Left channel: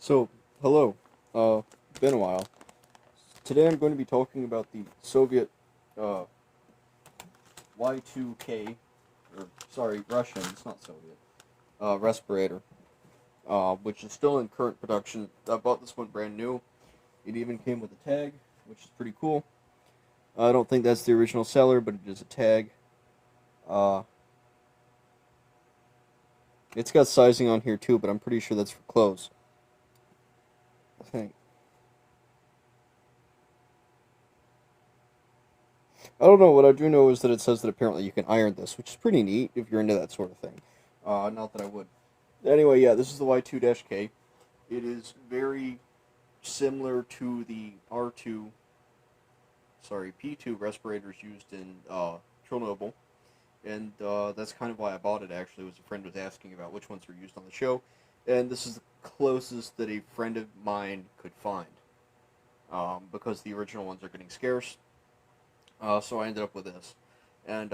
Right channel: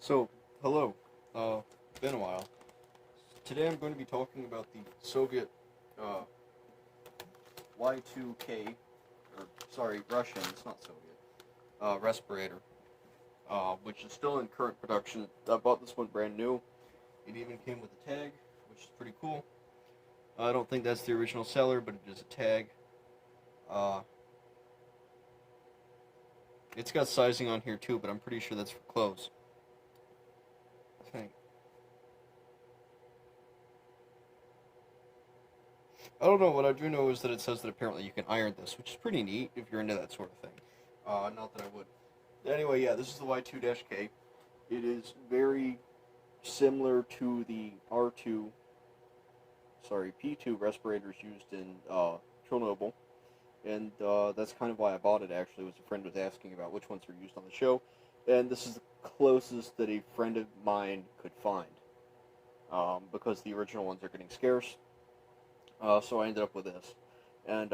So, hello. Been a while. Today I'm going to be talking about the Soviet uh, Y2-K, or sorry, Russian, it's not Soviet, respirator, which is still in current production. I bought this one brand new. It even came with a tag, which is pretty cool. I don't think that's the original seller, but it is a tag. Uh, it's got sizing on here too, but I'm pretty sure that's for clothes. I think. I don't know. What I do know is that it says that apparently you can iron this, which is pretty neat if you're into that sort of thing. Not that I would. Anyway, yeah, this is the Y2-K. It is very similar to the P2 respirators used in Chernobyl, and that's kind of why I bought it. Actually, was a friend was asking about which ones are used on the show, and this is the closest that a friend of mine could find, because the original ones are getting scarce. So I ended up with this, and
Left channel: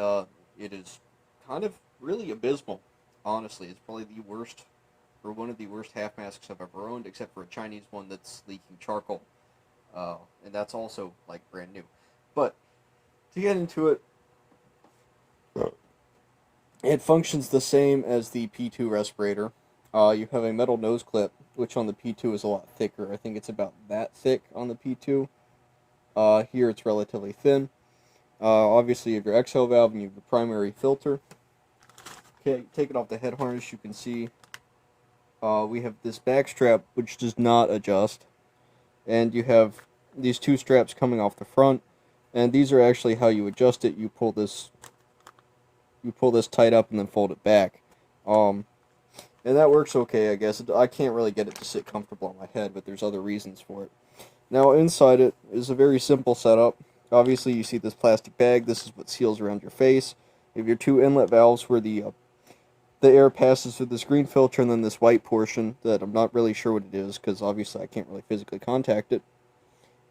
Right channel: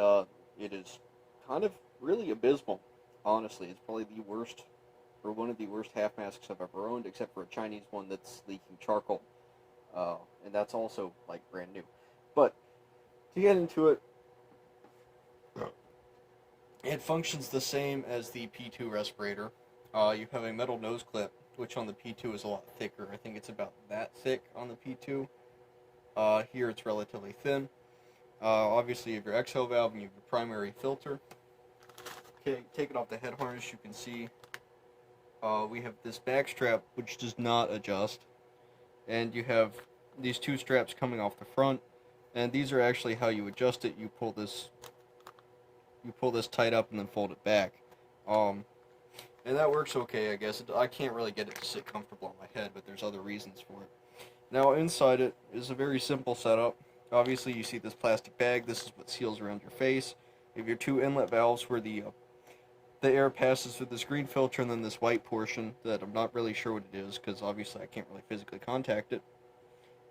it is kind of really abysmal. Honestly, it's probably the worst, or one of the worst half masks I've ever owned, except for a Chinese one that's leaking charcoal, and that's also like brand new. But to get into it, it functions the same as the P2 respirator. You have a metal nose clip, which on the P2 is a lot thicker. I think it's about that thick on the P2. Here it's relatively thin. Obviously, you have your exhale valve and you have your primary filter. Okay, take it off the head harness. You can see we have this back strap which does not adjust, and you have these two straps coming off the front, and these are actually how you adjust it. You pull this tight up and then fold it back, and that works okay, I guess. I can't really get it to sit comfortable on my head, but there's other reasons for it. Now, inside it is a very simple setup. Obviously, you see this plastic bag. This is what seals around your face. You have your two inlet valves where the air passes through this green filter and then this white portion that I'm not really sure what it is because obviously I can't really physically contact it.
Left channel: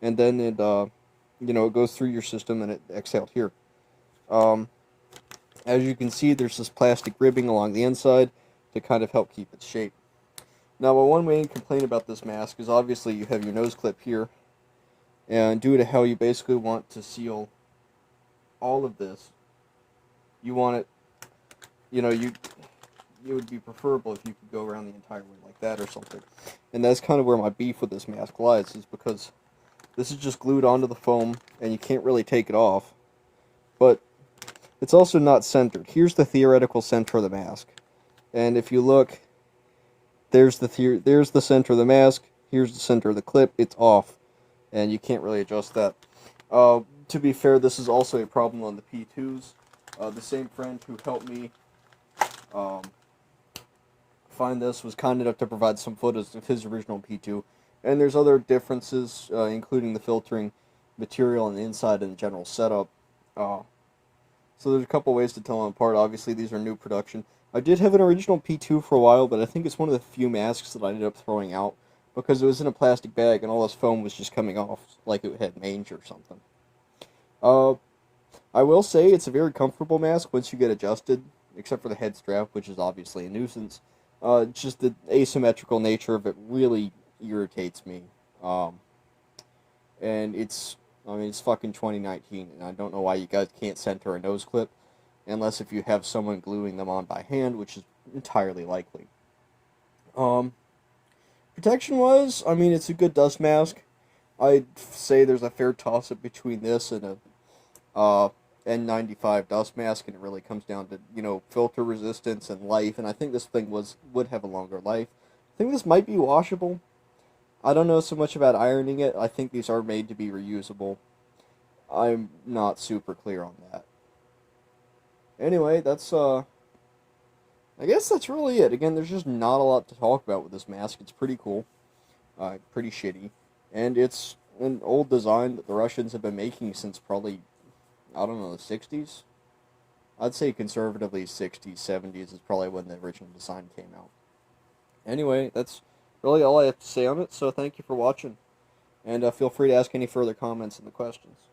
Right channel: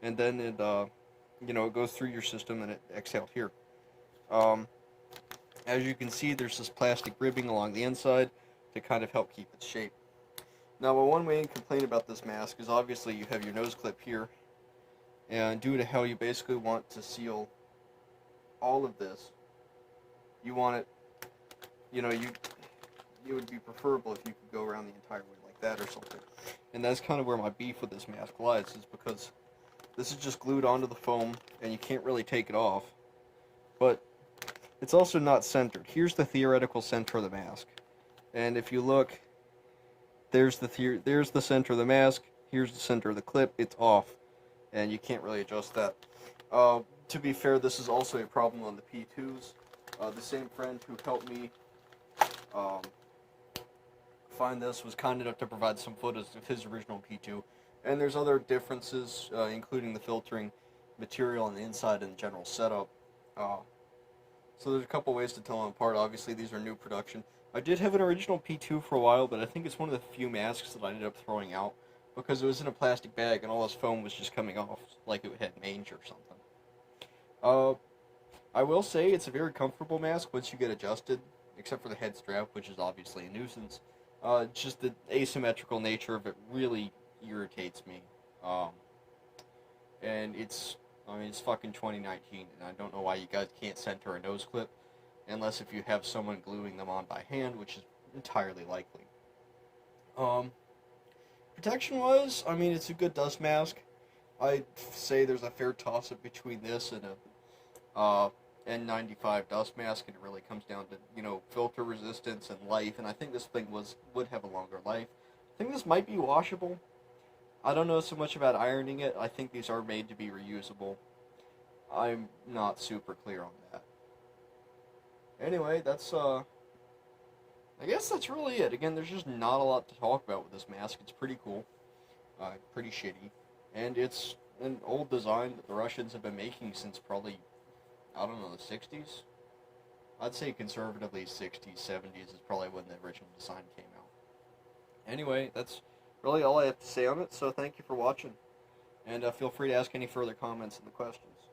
And then it, it goes through your system and it exhales here. As you can see, there's this plastic ribbing along the inside to kind of help keep its shape. Now, my one main complaint about this mask is obviously you have your nose clip here. And due to how you basically want to seal all of this, you want it, it would be preferable if you could go around the entire way like that or something. And that's kind of where my beef with this mask lies, is because this is just glued onto the foam and you can't really take it off. But it's also not centered. Here's the theoretical center of the mask. And if you look, there's the center of the mask, here's the center of the clip, it's off. And you can't really adjust that. To be fair, this is also a problem on the P2s. The same friend who helped me find this was kind enough to provide some footage of his original P2. And there's other differences, including the filtering material on the inside and the general setup. So there's a couple ways to tell them apart. Obviously, these are new production. I did have an original P2 for a while, but I think it's one of the few masks that I ended up throwing out, because it was in a plastic bag and all this foam was just coming off like it had mange or something. I will say it's a very comfortable mask once you get adjusted, except for the head strap, which is obviously a nuisance. Just the asymmetrical nature of it really irritates me. And it's fucking 2019, and I don't know why you guys can't center a nose clip, unless if you have someone gluing them on by hand, which is entirely likely. Protection-wise, it's a good dust mask. I'd say there's a fair toss-up between this and a N95 dust mask, and it really comes down to, filter resistance and life, and I think this thing would have a longer life. I think this might be washable. I don't know so much about ironing it. I think these are made to be reusable. I'm not super clear on that. Anyway, I guess that's really it. Again, there's just not a lot to talk about with this mask. It's pretty cool, pretty shitty, and it's an old design that the Russians have been making since probably, I don't know, the 60s? I'd say conservatively 60s, 70s is probably when the original design came out. Anyway, that's really all I have to say on it, so thank you for watching, and feel free to ask any further comments in the questions.